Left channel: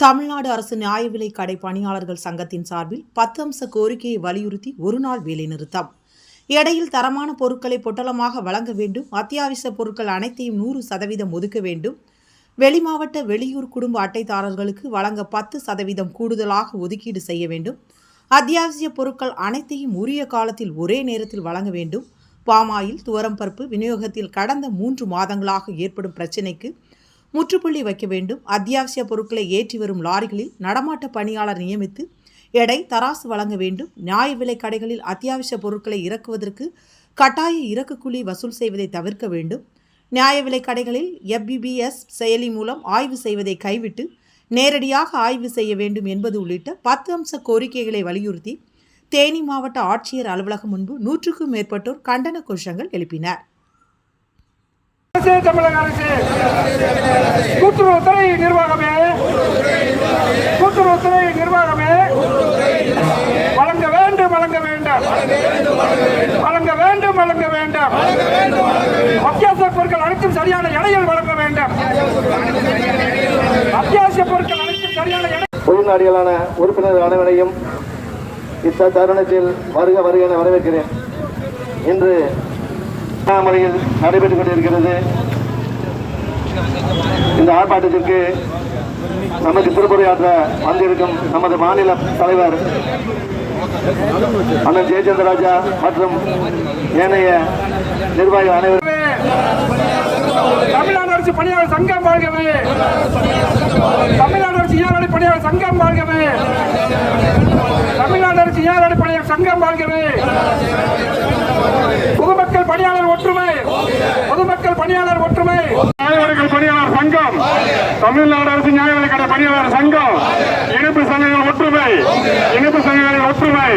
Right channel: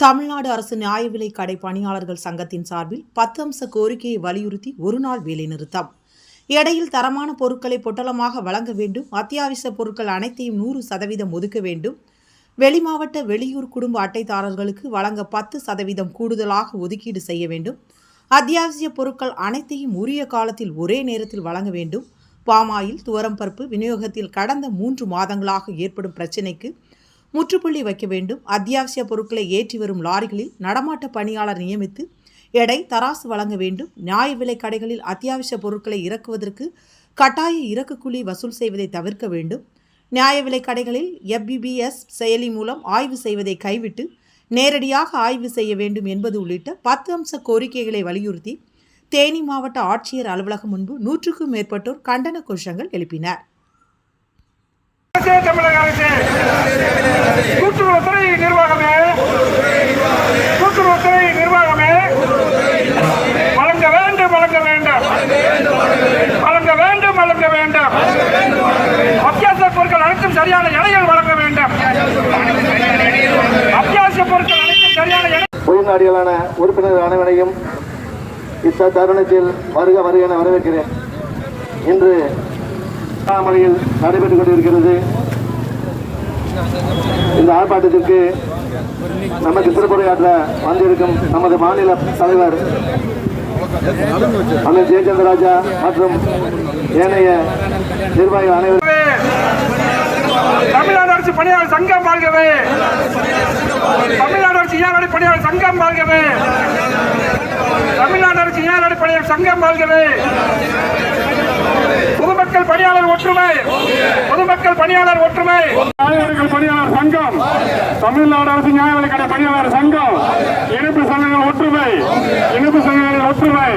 தமிழ்நாடு அரசு நியாய விலை கடை பணியாளர்கள் சங்கத்தின் சார்பில் பத்து அம்ச கோரிக்கையை வலியுறுத்தி ஒருநாள் வேலைநிறுத்தம் எடையில் தரமான பொருட்களை பொட்டலமாக வழங்க வேண்டும். அத்தியாவசிய பொருட்கள் அனைத்தையும் நூறு சதவீதம் ஒதுக்க வேண்டும். வெளிமாவட்ட வெளியூர் குடும்ப அட்டைதாரர்களுக்கு வழங்க பத்து சதவீதம் கூடுதலாக ஒதுக்கீடு செய்ய வேண்டும். அத்தியாவசிய பொருட்கள் அனைத்தையும் உரிய காலத்தில் ஒரே நேரத்தில் வழங்க வேண்டும். பாமாயில் துவரம்பருப்பு விநியோகத்தில் கடந்த மூன்று மாதங்களாக ஏற்படும் பிரச்சினைக்கு முற்றுப்புள்ளி வைக்க வேண்டும். அத்தியாவசிய பொருட்களை ஏற்றி வரும் லாரிகளில் நடமாட்ட பணியாளர் நியமித்து எடை தராசு வழங்க வேண்டும். நியாய விலை கடைகளில் அத்தியாவசிய பொருட்களை இறக்குவதற்கு கட்டாய இறக்கு குழி வசூல் செய்வதை தவிர்க்க வேண்டும். நியாய விலை கடைகளில் எஃபிபிஎஸ் செயலி மூலம் ஆய்வு செய்வதை கைவிட்டு நேரடியாக ஆய்வு செய்ய வேண்டும் என்பது உள்ளிட்ட பத்து அம்ச கோரிக்கைகளை வலியுறுத்தி தேனி மாவட்ட ஆட்சியர் அலுவலகம் முன்பு நூற்றுக்கும் மேற்பட்டோர் கண்டன கோஷங்கள் எழுப்பினர் அரசே தமிழக அரசே கூட்டுறவுத்துறை நிர்வாகமே கூட்டுறவுத்துறை நிர்வாகமே வழங்க வேண்டும் வழங்க வேண்டாம் வழங்க வேண்டும் வழங்க வேண்டும். அத்தியாவசிய பொருட்கள் அனைத்தும் சரியான எடையில் வழங்க வேண்டாம். அத்தியாவசிய பொருட்கள் அனைத்தும் சரியான உயிர்நாடிகளான உறுப்பினர் அனைவரையும் இந்த தருணத்தில் வருக வருக என வரவேற்கிறேன். இன்று முறையில் நடைபெற்றுக் கொண்டிருக்கிறது. இந்த ஆர்ப்பாட்டத்திற்கு நமக்கு திருப்புரையாற்ற வந்திருக்கும் நமது மாநில தலைவர் அண்ணன் ஜெயச்சந்திரராஜா மற்றும் ஏனைய நிர்வாகிகள் அனைவரும் தமிழ்நாடு அரசு பணியாளர் சங்கம் வாழ்கவே. தமிழ்நாடு அரசு ஏழாடி பணியாளர் சங்கம் வாழ்கவே. தமிழ்நாடு அரசு ஏழாடி பணியாளர் சங்கம் வாழ்கவே. பொதுமக்கள் பணியாளர் ஒற்றுமை. பொதுமக்கள் பணியாளர் ஒற்றுமை. நியாயவிலைகள் பணியாளர் சங்கம். தமிழ்நாடு அரசு நியாயவிலைக்கடை பணியாளர் சங்கம். இணைப்பு சங்கங்கள் ஒற்றுமை. இணைப்பு சங்கங்கள் ஒற்றுமை